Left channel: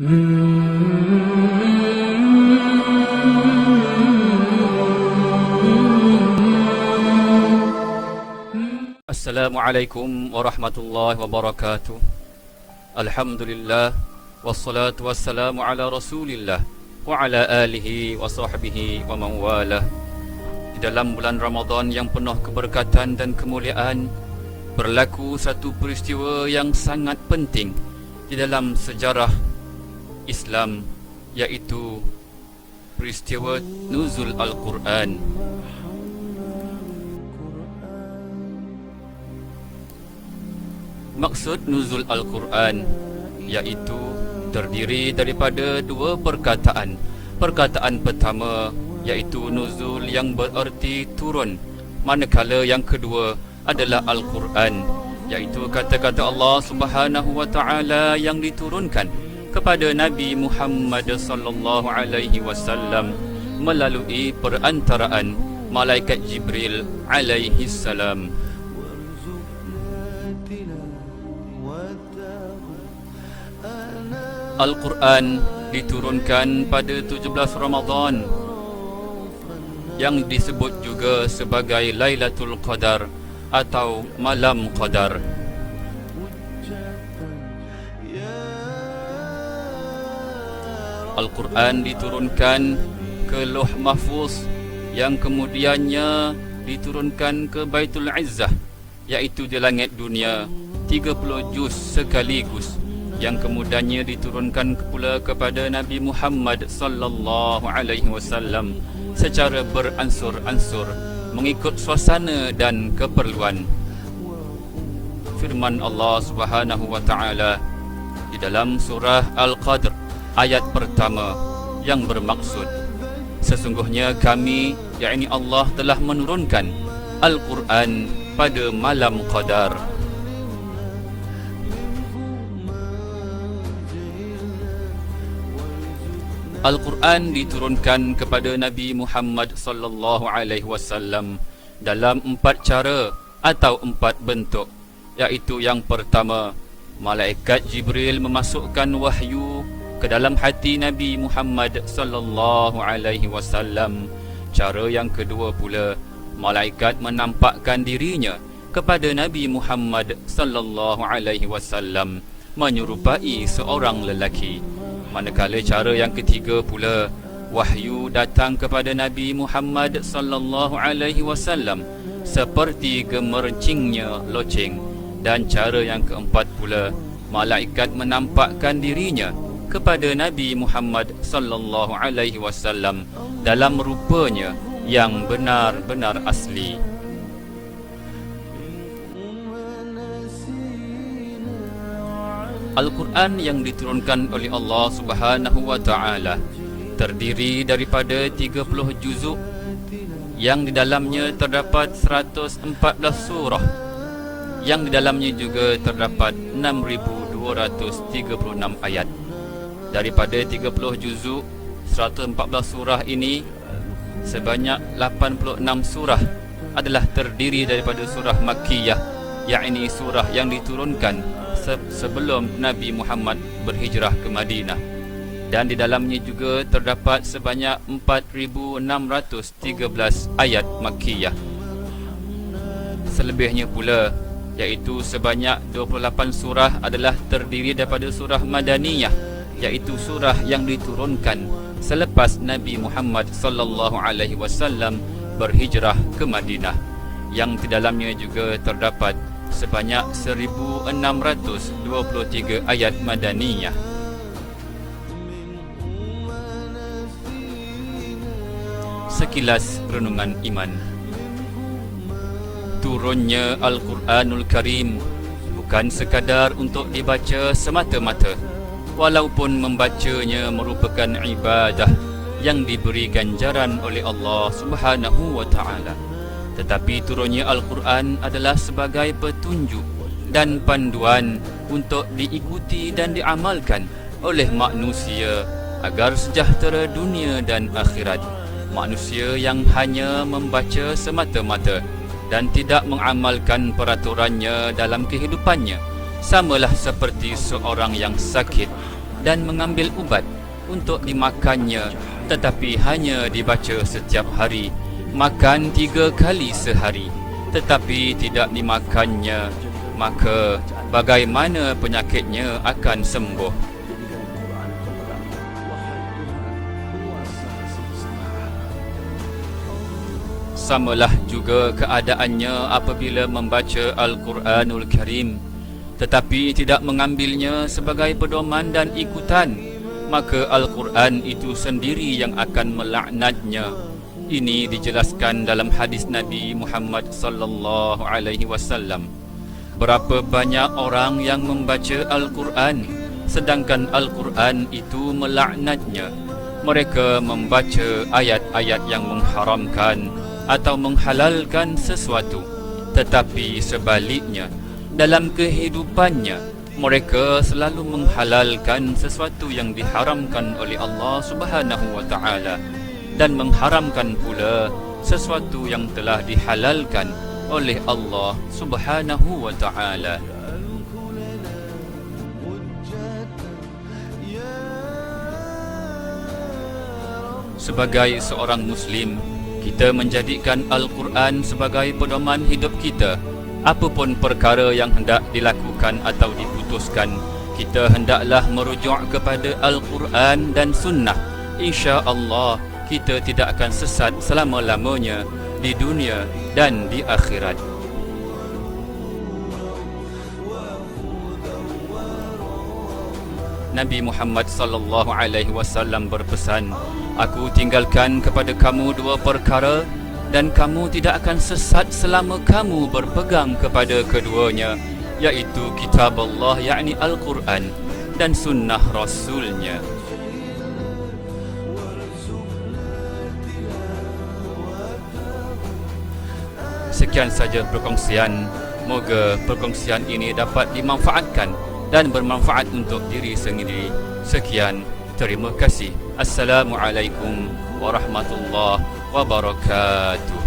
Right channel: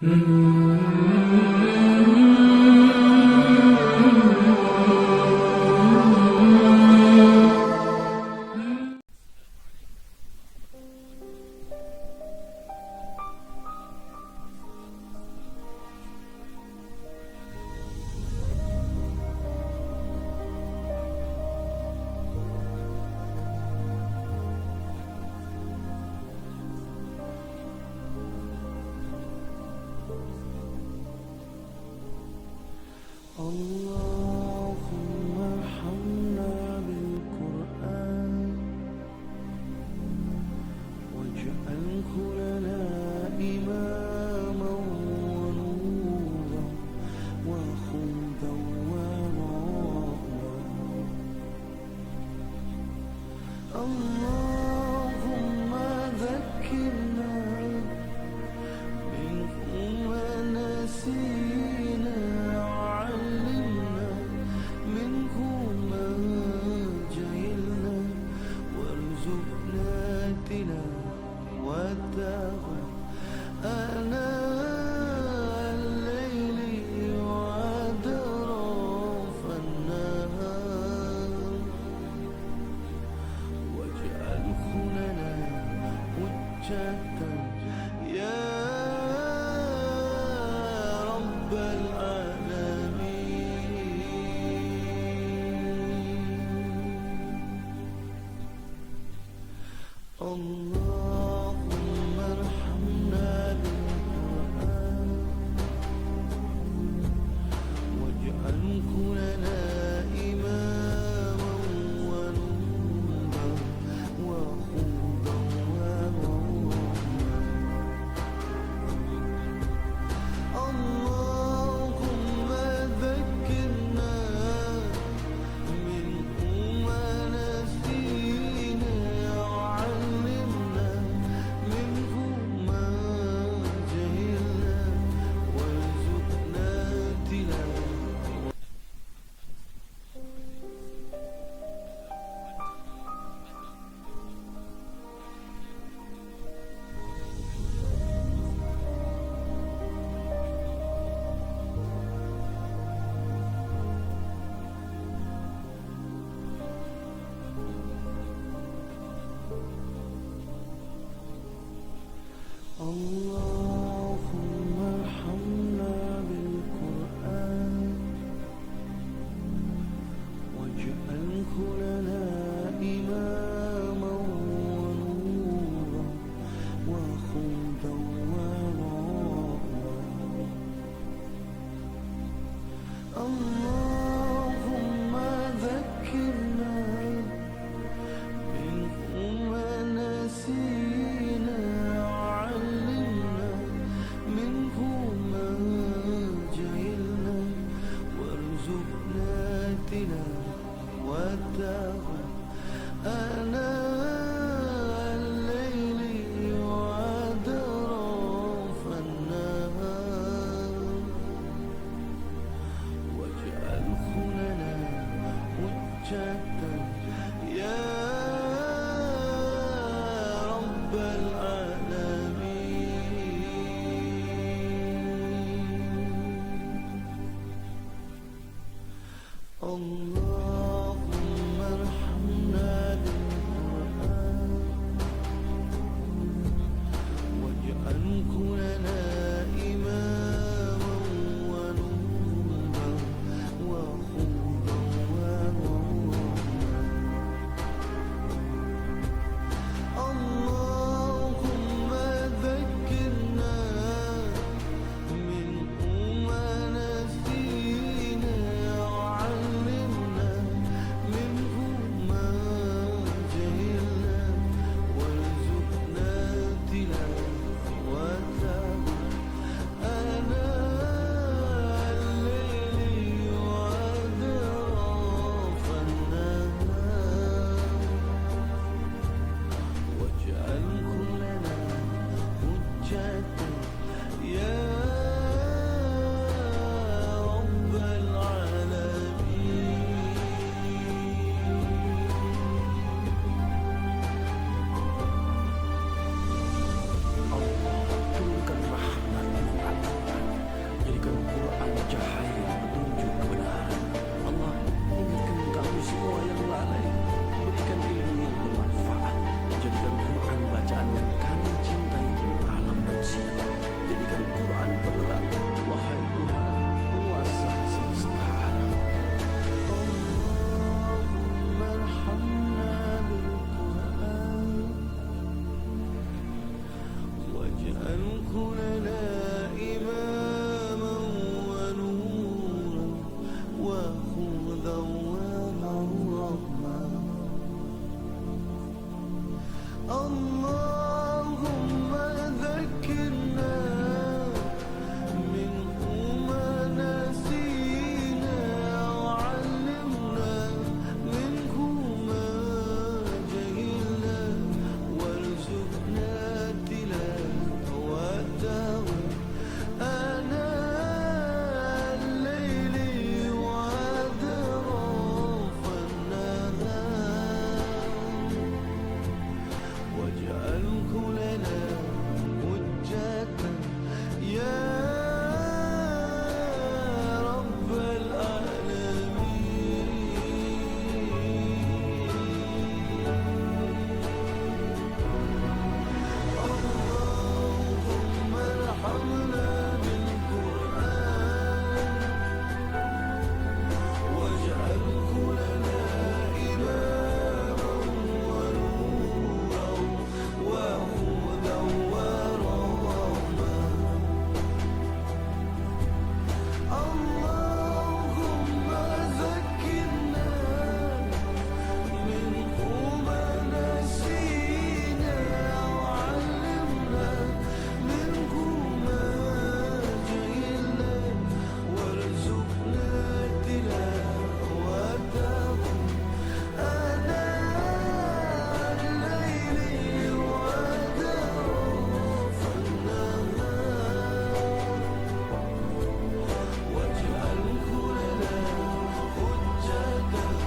Assalamualaikum warahmatullahi wabarakatuh. Alhamdulillah, wassalatu wassalamu ala rasulillah wa ala alihi wa sahbihi wa man walah. Di dalam bulan Ramadan yang penuh keberkatan dan kemuliaan, berlaku satu peristiwa yang sangat penting di dalam sejarah Islam, yaitu peristiwa nuzul Al-Quran. Maksud nuzul Al-Quran iaitu terdiri daripada dua perkataan. Perkataan pertama iaitu nuzul yang bererti turun, manakala yang kedua adalah Al-Quran, iaitu kata-kata Allah Subhanahu wa taala yang diturunkan kepada Nabi Muhammad sallallahu alaihi wasallam melalui perantaraan malaikat Jibril alaihi salam. Al-Quran diturunkan pada 17 Ramadan yang disebut juga sebagai Lailatul Qadar atau Malam Qadar. Al-Quran diturunkan ke Lauh Mahfuz yang kemudiannya diturunkan ke Baitul Izzah, iaitu di langit dunia, 30 juz sekaligus, yang kemudiannya diturunkan pula kepada Nabi Muhammad sallallahu alaihi wasallam secara beransur-ansur mengikut suasana dan keperluan. Firman Allah Subhanahu wa taala di dalam surah Al-Qadr ayat pertama yang bermaksud, sesungguhnya kami, yakni Allah, telah menurunkan Al-Quran pada malam Qadar. Al-Quran diturunkan kepada Nabi Muhammad sallallahu alaihi wasallam dalam 4 cara atau 4 bentuk, iaitu yang pertama, malaikat Jibril memasukkan wahyu ke dalam hati Nabi Muhammad sallallahu alaihi wasallam. Cara yang kedua pula, malaikat menampakkan dirinya kepada Nabi Muhammad sallallahu alaihi wasallam menyerupai seorang lelaki. Manakala cara yang ketiga pula, wahyu datang kepada Nabi Muhammad sallallahu alaihi wasallam seperti gemercingnya loceng. Dan cara yang keempat pula, malaikat menampakkan dirinya kepada Nabi Muhammad sallallahu alaihi wasallam dalam rupanya yang benar-benar asli. Al-Quran yang diturunkan oleh Allah Subhanahu wa taala terdiri daripada 30 juzuk yang di dalamnya terdapat 114 surah, yang di dalamnya juga terdapat 6,236 ayat. Daripada 30 juzuk 114 surah ini, sebanyak 86 surah adalah terdiri daripada surah Makkiyah, yakni surah yang diturunkan sebelum Nabi Muhammad berhijrah ke Madinah. Dan di dalamnya juga terdapat sebanyak 4,613 ayat Makkiyah. Selebihnya pula, iaitu sebanyak 28 surah adalah terdiri daripada surah Madaniyah, iaitu surah yang diturunkan selepas Nabi Muhammad sallallahu alaihi wasallam berhijrah ke Madinah, yang di dalamnya juga terdapat sebanyak 1,623 ayat Madaniyah. Sekilas renungan iman. Turunnya Al-Quranul Karim bukan sekadar untuk dibaca semata-mata, walaupun membacanya merupakan ibadah yang diberi ganjaran oleh Allah Subhanahu wa taala. Tetapi turunnya Al-Quran adalah sebagai petunjuk dan panduan untuk diikuti dan diamalkan oleh manusia agar sejahtera dunia dan akhirat. Manusia yang hanya membaca semata-mata dan tidak mengamalkan peraturannya dalam kehidupannya samalah seperti seorang yang sakit dan mengambil ubat untuk dimakannya, tetapi hanya dibaca setiap hari. Makan 3 kali sehari tetapi tidak dimakannya, maka bagaimana penyakitnya akan sembuh? Jadikan Quran penerang, wahai Tuhan, penguasa semesta alam. Samalah juga keadaannya apabila membaca Al-Quranul Karim tetapi tidak mengambilnya sebagai pedoman dan ikutan, maka Al-Quran itu sendiri yang akan melaknatnya. Ini dijelaskan dalam hadis Nabi Muhammad sallallahu alaihi wasallam. Berapa banyak orang yang membaca Al-Quran sedangkan Al-Quran itu melaknatnya. Mereka membaca ayat-ayat yang mengharamkan atau menghalalkan sesuatu, tetapi sebaliknya dalam kehidupannya mereka selalu menghalalkan sesuatu yang diharamkan oleh Allah Subhanahu wa taala dan mengharamkan pula sesuatu yang telah dihalalkan oleh Allah Subhanahu wa taala. Sebagai seorang muslim, kita menjadikan Al-Quran sebagai pedoman hidup kita. Apapun perkara yang hendak dilakukan atau diputuskan, kita hendaklah merujuk kepada Al-Quran dan Sunnah. Insya-Allah kita tidak akan sesat selama-lamanya di dunia dan di akhirat. Nabi Muhammad sallallahu alaihi wasallam berpesan, "Aku tinggalkan kepada kamu 2 perkara dan kamu tidak akan sesat selama kamu berpegang kepada keduanya, yaitu kitab Allah yakni Al-Quran dan sunnah Rasulnya." Sekian saja perkongsian. Moga perkongsian ini dapat dimanfaatkan dan bermanfaat untuk diri sendiri. Sekian, terima kasih. Assalamualaikum warahmatullahi wabarakatuh.